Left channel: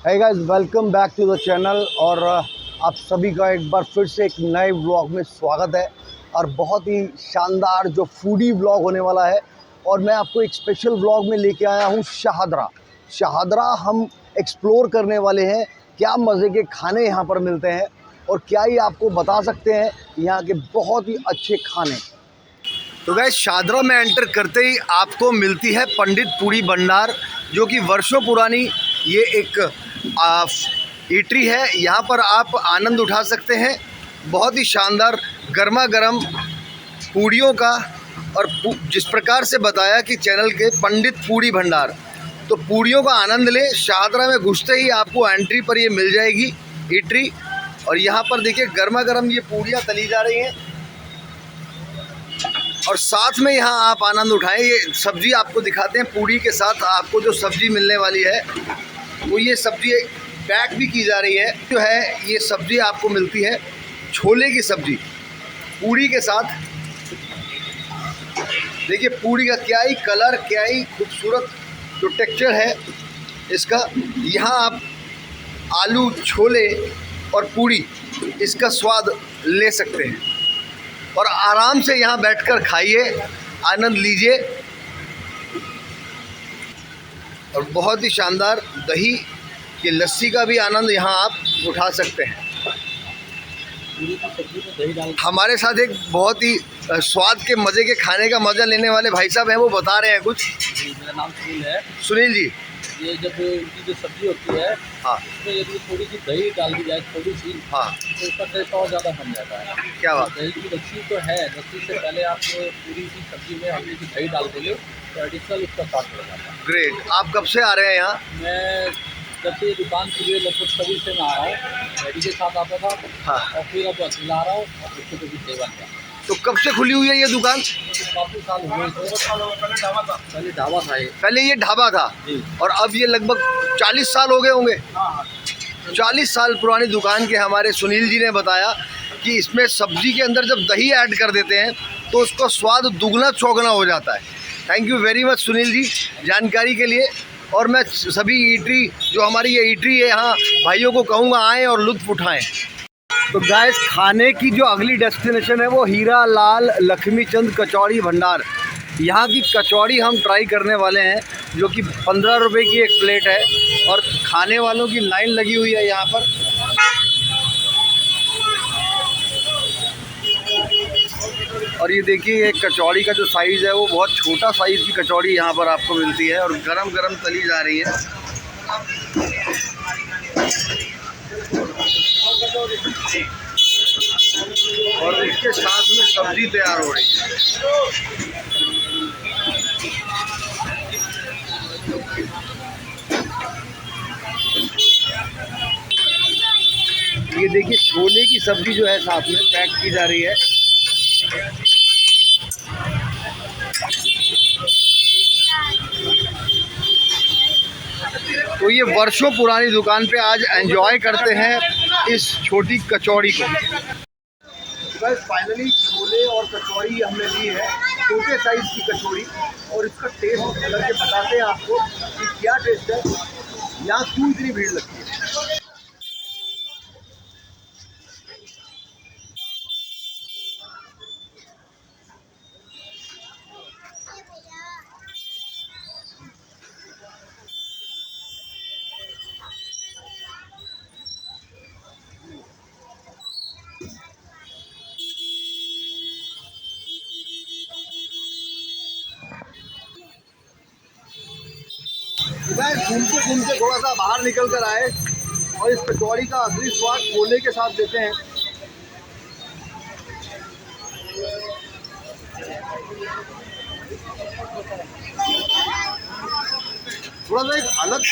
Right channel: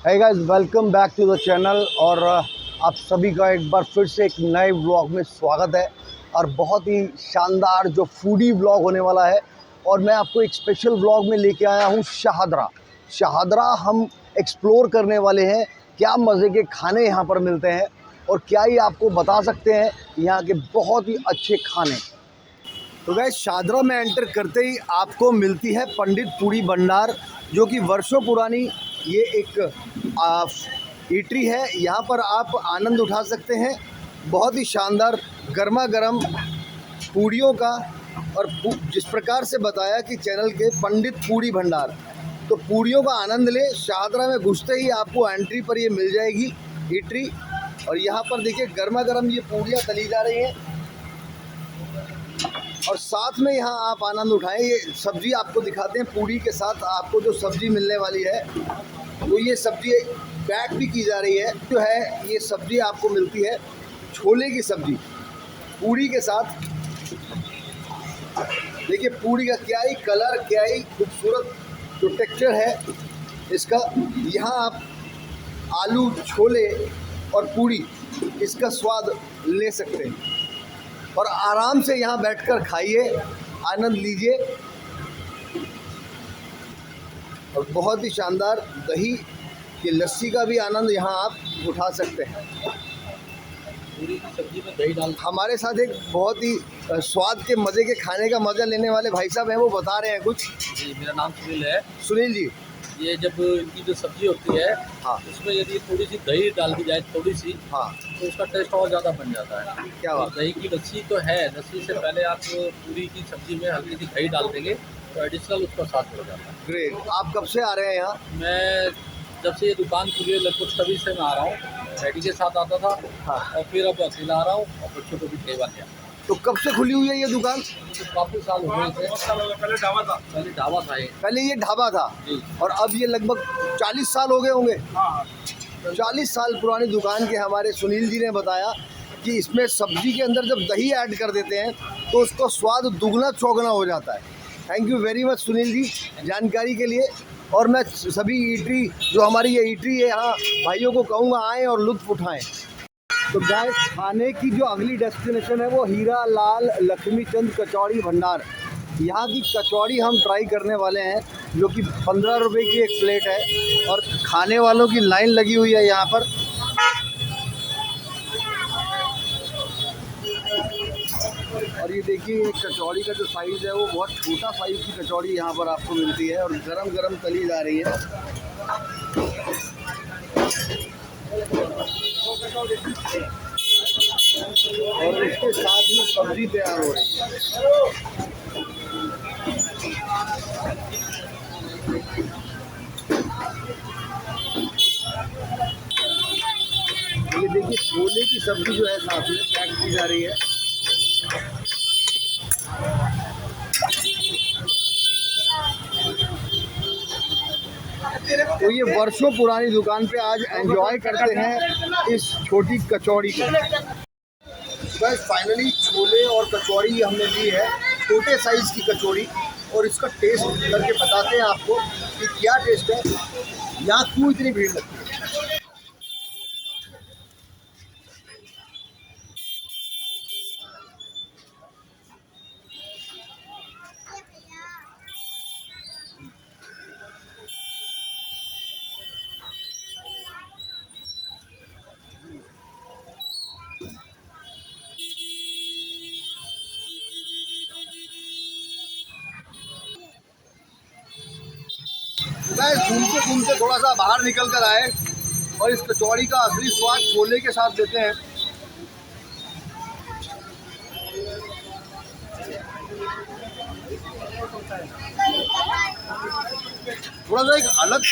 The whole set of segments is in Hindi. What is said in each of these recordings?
है guys, welcome back to the channel. और आप सभी का एक बार फिर से एक नए व्लॉग में स्वागत है। और बहुत ही शानदार जो फूडी व्लॉग होने वाला है। और मैं आपको एक स्पेशल व्लॉग में लेके आया हूँ शाहदरा हम एक्सप्लोर करने वाले हैं। क्या मज़े के खाने यहाँ पर मिलते हैं और क्या ही आपको बता सकते हैं यहाँ के बहुत ही अच्छे खाने। तो गाइस, शाहदरा में एंटर करते ही आपको मिलती है पंडित पूड़ी भंडार, जो कि वर्षों पुरानी ये एक ईटरी है। यहाँ पर आप आनंद उठा सकते हैं बहुत ही शानदार गर्मा गर्म पूड़ियों का। और जिस प्रकार से बताया कि चैनल के पंडित पूड़ी भंडार, तो पूड़ियों का आनंद ले। शाहदरा में घुसते ही आपको एंट्री पर ये मिल जाएगी ईटरी। और यहाँ पर देखिए गर्मा गर्म ये पूड़ियाँ तली जा रही हैं और साथ में यहाँ आप आनंद उठाएं। ये सब्ज़ी आपको दिखाते हैं। पूड़ी के साथ आपको जो सब्ज़ी मिलने वाली है वो ये सब्ज़ी पैक भी की जा रही है। जो है ये सब्ज़ी आपको मिलती है छोले की सब्ज़ी पूड़ी के साथ। देखिए पूड़ी का क्या ही कलर, क्या ही खूबसूरत जो टेक्सचर है इसका। यहाँ आप आलू, छोले और पूड़ी इसका स्वाद ले सकते हैं और आराम से यहाँ बैठकर खाइए, आनंद लीजिए। और बहुत ही शानदार दही की लस्सी का भी आनंद यहाँ आप उठा सकते हैं। पूरी की सब्जी में दही डाल। हमारे साथ एक बहुत ही स्वाद के मज़े के खाने का मज़ा लेने वाले भाई साहब हैं, वो बता रहे हैं कुछ। जी, मेरा नाम सुनील है। सुनील जी, ये जब इनकी जो सब्जी होती है, हाँ, उसमें यदि थोड़ी सी दही डाल दी जाए, थोड़ी सी, हाँ, तो उसका टेस्ट और ज़्यादा बन जाता है। क्या बात। दही की लस्सी तो है, लस्सी से पहले आप पूरी की सब्जी में हल्की सी दही डाल देंगे तो एडिशनल उसका स्वाद बढ़ जाता है। ग्रेट। आप कब से आ रहे हैं यहाँ? मैं जब से ये दुकान खुली है लगभग तभी से मैं आ रहा हूँ। डैडी के साथ आता था, हाँ। और फिर अब अकेला आ रहा हूँ और बच्चों को भी सेवा किया। तो कब से खुली हुई है ये दुकान? तो काफ़ी साल हो गए थे। पहले ढाबा था ये। पहले ये ढाबा था जी। और अब ये लगभग 40 साल हो गए होंगे। हाँ, 40 साल पुरानी दुकान के हमारे सुनील जी ने बताया कि इसमें सब्ज़ी के अंदर जब दही ऐड कर देते हैं तो उसका स्वाद दुगना चौगना हो जाता है। Thank you very much Sunil ji जानकारी के लिए। और मैं सभी ईटरी, जो हमारी ये ईटरी है, यहाँ भाइयों को कहूँगा आएँ और लुत्फ़ उठाएँ। तो गाइस, खाने की जो अगली डेस्टिनेशन है वो हीरा लाल लक्ष्मी चंद कचौड़ी भंडार। यहाँ की कचौड़ी हम ट्राई करने वाले हैं, जो कि 15 रुपये की एक प्लेट है और खाने वालों की लाइन लगी हुई है यहाँ पर। और ये देखिए एक कचौड़ी का जो साइज़ है वो बहुत छोटा साइज़ की कचौड़ी यहाँ पर आपको मिलती है और गरम गरम तली जा रही है। और इसके साथ में सब्जी तैयार हो रही है। ये देखिए छोले की सब्जी जो है साथ में पैक की जा रही है। तो ये वर्षों पुरानी दुकान पे आज एंजॉय करते हैं इस छोटी कचौड़ी को। बस फाइनली छोले और कचौड़ी हमने ली है, छोटे साइज़ की कचौड़ी। और इसका टेस्ट करके बताते हैं आपको कि क्या टेस्ट है, यहाँ क्यों इतनी भीड़ लगती है। घूमते घूमते थोड़ा सा बाहर निकल कर आए और इस कचौड़ी का असली स्वाद छोले के साथ देते हैं। थोड़ा सा एक अलग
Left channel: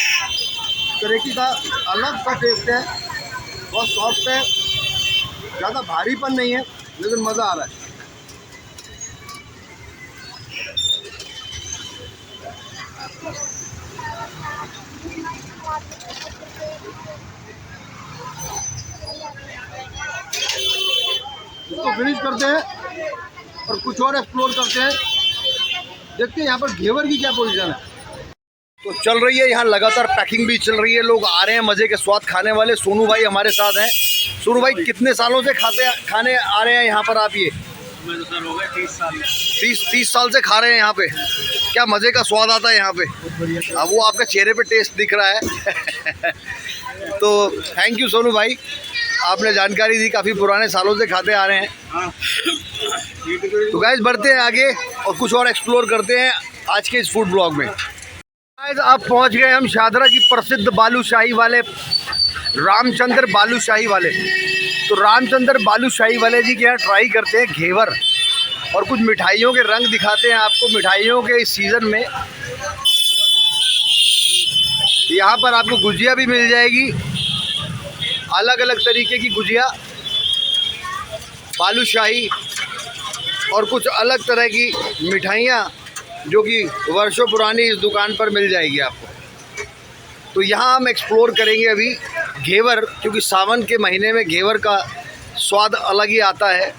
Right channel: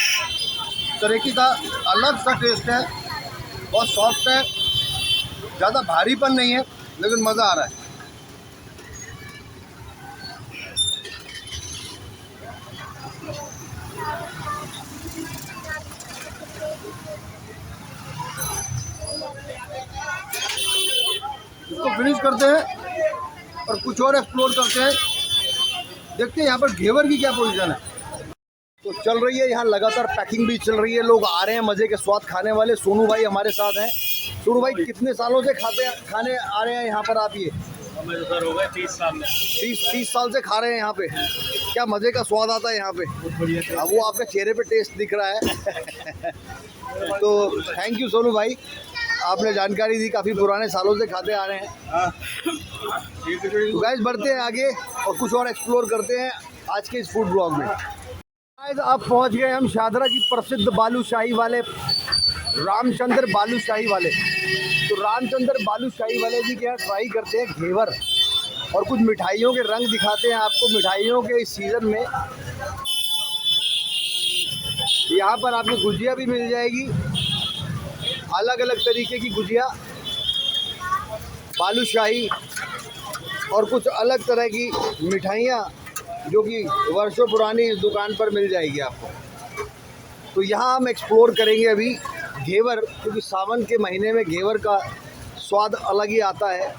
तरीके का अलग सा टेस्ट है, बहुत सॉफ्ट है, ज़्यादा भारीपन नहीं है, लेकिन मज़ा आ रहा है। इसको फिनिश करते हैं और कुछ और एक्सप्लोर करते हैं। देखते हैं यहाँ पर घेवर की क्या पोजीशन है। तो चल रही है यहाँ लगातार पैकिंग भी चल रही है, लोग आ रहे हैं मज़े के स्वाद खाने वाले। सोनू भाई हमारे साथ हैं। सोनू भाई कितने सालों से खाने आ रहे हैं यहाँ पर आप? ये हमें तो सर हो गए 30 साल। 30 साल से खा रहे हैं यहाँ पे। क्या मज़े का स्वाद आता है यहाँ पे। अब वो आपके चेहरे पे टेस्ट दिख रहा है। तो थैंक यू सोनू भाई, आपने जानकारी दी, काफ़ी पुराने सालों से खाते आ रहे हैं। तो गाइस बढ़ते हैं आगे और कुछ और एक्सप्लोर करते हैं आज के इस फूड ब्लॉग में। गाइस आप पहुंच गए हम शादरा की प्रसिद्ध बालूशाही वाले, रामचंद्र बालूशाही वाले। तो रामचंद्र बालूशाही वाले जी के यहाँ ट्राई करते हैं घेवर और कुछ मिठाइयों के रंग दिखाते हैं आपको मिठाइयों के इस सीज़न में। यहाँ पर आपको गुजिया भी मिल जाएगी, अलग अलग तरीके की गुजिया, बालूशाही और कुछ अलग तरह की मिठाइयाँ जो कि वर्षों पुरानी इस दुकान पर मिल जाएगी आपको। तो यहाँ हम एक्सप्लोर करेंगे अभी घेवर, क्योंकि सावन के महीने में घेवर का स्वाद अलग ही आता है।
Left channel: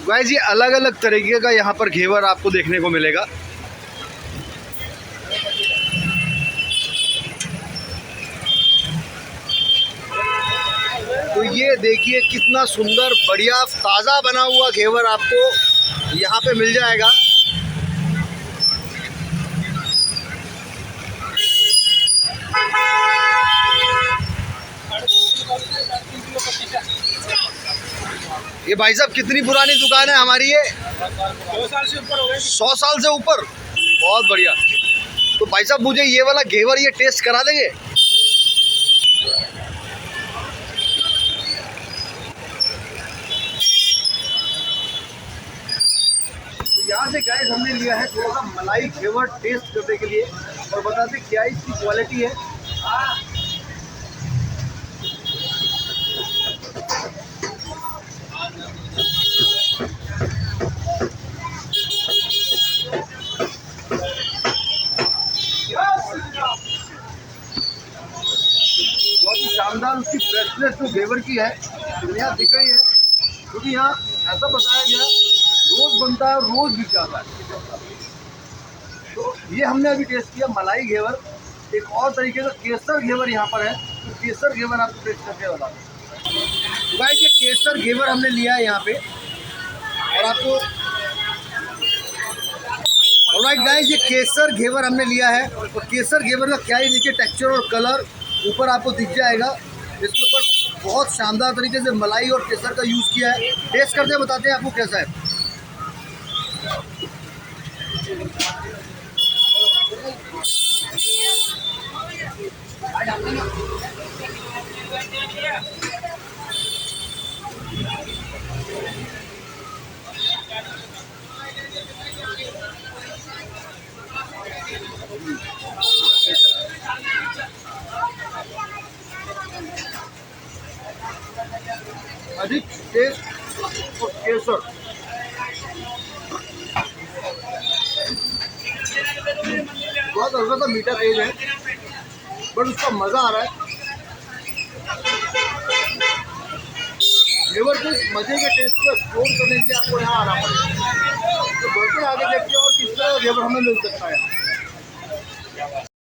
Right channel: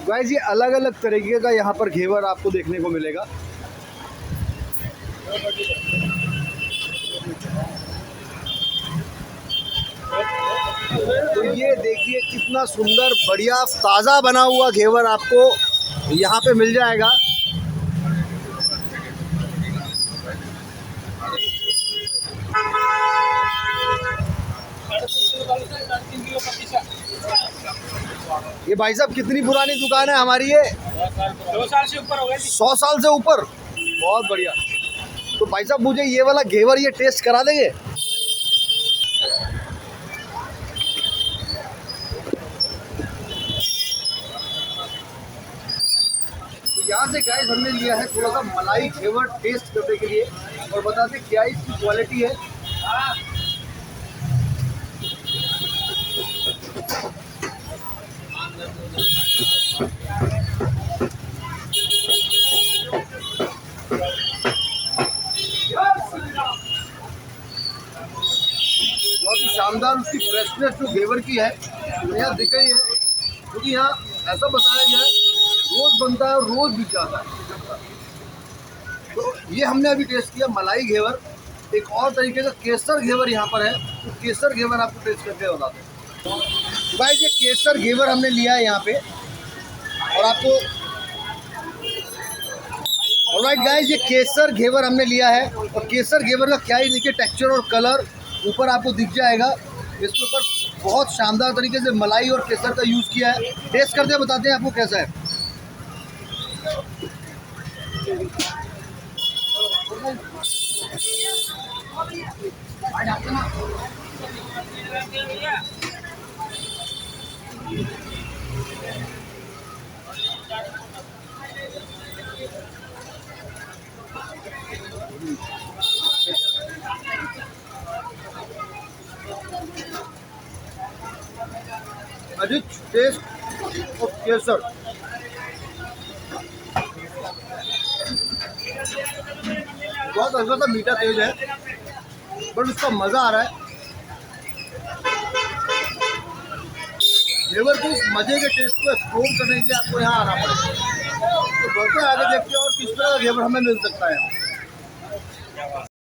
गाइस ये अलग अलग तरीके का यहाँ पर घेवर आपको देखने को मिलेगा। तो ये देखिए कितना सुंदर बढ़िया ताज़ा बना हुआ घेवर आपको यहाँ पे मिल जाएगा। ये भाई साहब कितनी पुरानी दुकान है हमारी ये? 2 साल से ऊपर हो गए। 100 साल से ऊपर, बहुत बढ़िया। तो भाई साहब मुझे ये वाला घेवर ये टेस्ट करा देंगे? तो यहाँ से गाइस हमने लिया है थोड़ा सा मलाई घेवर टेस्ट करने के लिए और बताते क्या इसकी क्वालिटी है। बहुत ही शानदार उसकी फ्रेशनेस जो घेवर की है यहाँ दिख रही है, क्योंकि यहाँ ऐसा बताया गया है रोज़ बनता है और रोज़ बिक जाता है। तो ये हमने अभी टेस्ट किया मलाई घेवर। एक और तरीके का केसर घेवर यहाँ पर है, तो केसर घेवर आपको टेस्ट करके बताते हैं। भाई ये केसर घेवर हमने लिया है यहाँ पे और आपको ऑलराइट गाइस ये केसर घेवर हमने लिया है और केसर घेवर का क्या ही देखिए टेक्सचर और कलर ऊपर आपको दिख जाएगा। इसके ऊपर बहुत शानदार तरीके से मलाई और केसर का यूज़ किया है। टेस्ट करते हैं बताते हैं आपको कैसा है। अधिक टेस्ट और केसर बहुत हल्का सा मीठा तेज है, बट उसका मज़ा आ रहा है। फ्लेवर के इस मज़े के टेस्ट को एक्सप्लोर करने के लिए आपको यहाँ आना पड़ेगा। तो दोस्तों आगे देखते हैं और किस तरह का घेवर हमें मिल सकता है।